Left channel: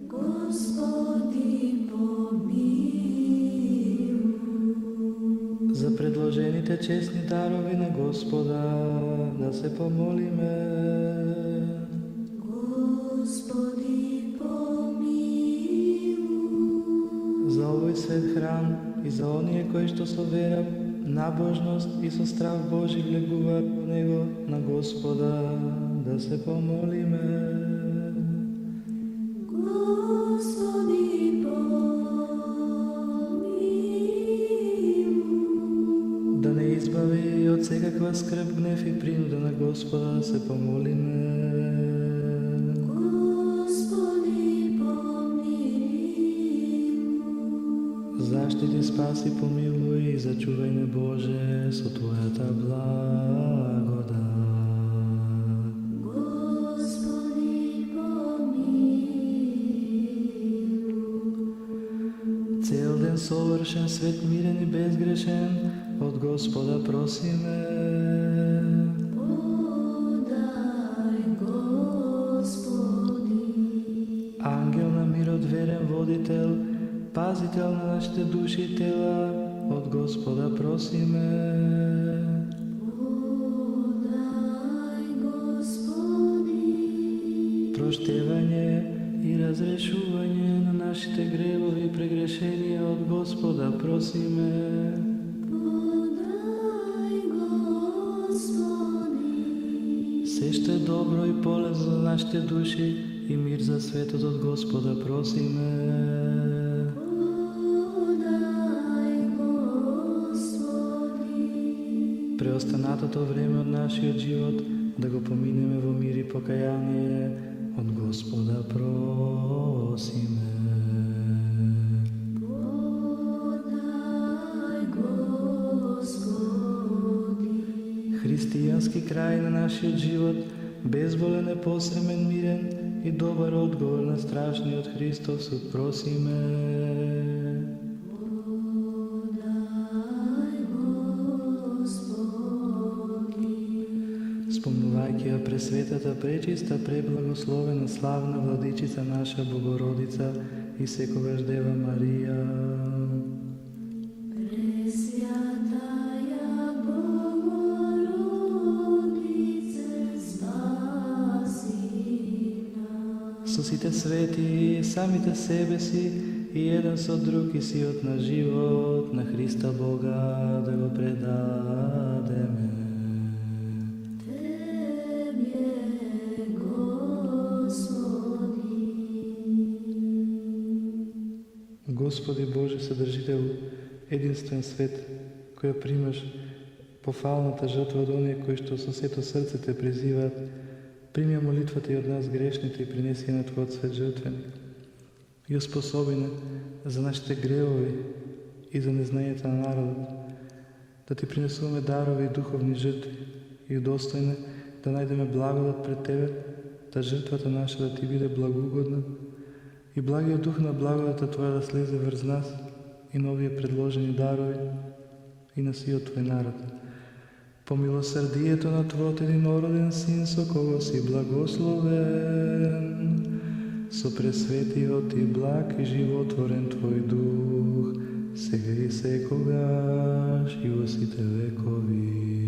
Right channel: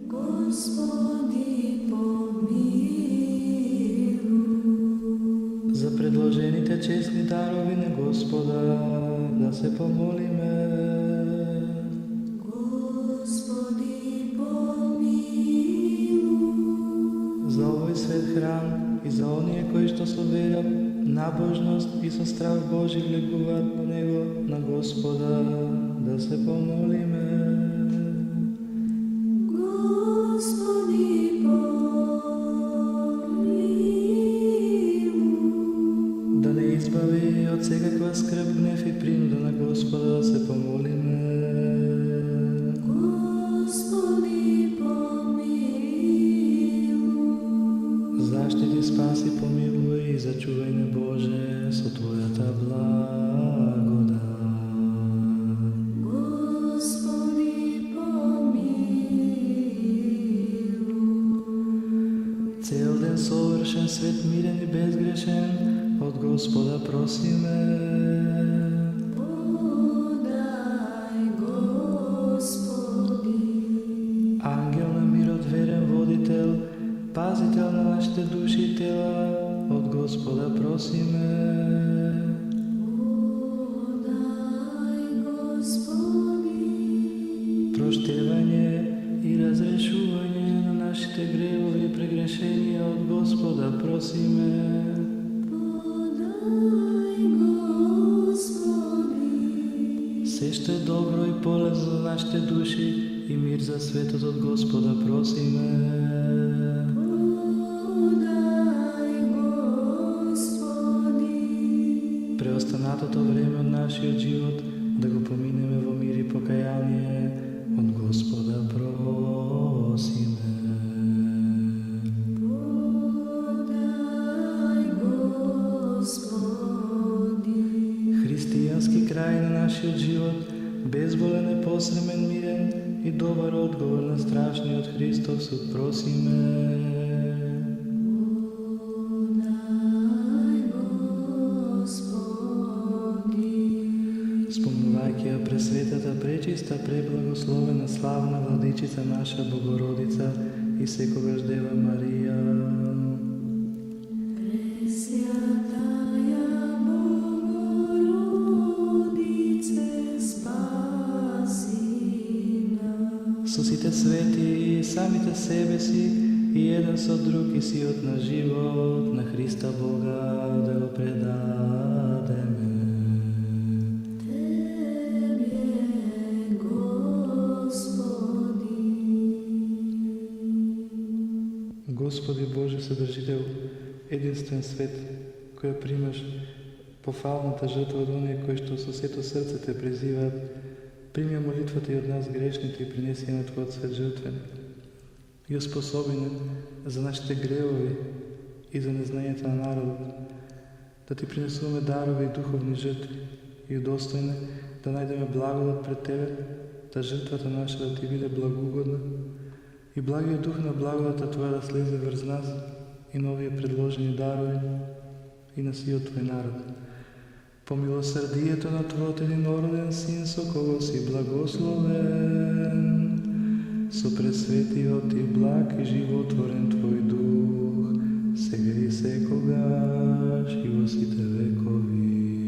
Господи, помилуй. За предложените честни дарови на Господа да се помолиме. Господи, помилуй. За овој свет храм и за оние кои што со вера, набожност и со страх Божи влегуваат во него, на Господа да се помолиме. Господи, помилуй. Да не избави од секаква скрб, гнев и принуда, на Господа да се помолиме. Господи, помилуй. Заштити, спаси, помилуј и зачувај не Боже со Твојата благодат. Господи, помилуй. Цел ден совршен, свет, мирен и безгрешен, од Господа просиме. Подај, Господи. Ангел на мирот, верен водител, пазител на нашите души и тела, од Господа просиме. Подај, Господи. Проштевање и разрешување на нашите гревови и прегрешенија, од Господа просиме. Подај, Господи. Се што е добро и полезно за нашите души и мир за светот, од Господа просиме. Подај, Господи. Преостанатото време од нашиот живот да го поминеме во мир и покаяние, од Господа просиме. Подај, Господи. Христијански крај на нашиот живот, безболен, непосремен, мирен и добар одговор на страшниот Христов суд просиме. Подај, Господи. Спомнувајќи ја пресветата, пречиста, преблагословена, славна владичица наша Богородица и секогаш Дева Марија, Пресвятаја Богородице, спаси нас. со сите свети, самите себе си и еден со друг и сиот на живот на Христа Бога да го предадеме. Тебе, Господи. Господи Боже Содржител, единствен свет, која примаш пофалната жртва од оние кои што со сето срце те призиваат, прими ја молитвата и од нас грешните и принеси ја на Твојот свет жртвеник. И оспособи не за нашите гревови и за незнањето на народот, да Ти принесуваме дарови и духовни жртви и удостојне да најдеме благодат пред Тебе, да жртвата наша да Ти биде благоугодна и благиот дух на благодата Твоја да слезе врз нас и на овие предложени дарови и на сиот Твој народ. По милосрдието на Твојот единороден Син, со кого си благословен, со пресветиот и благ и животворен Твој дух, сега и секогаш и во сите векови.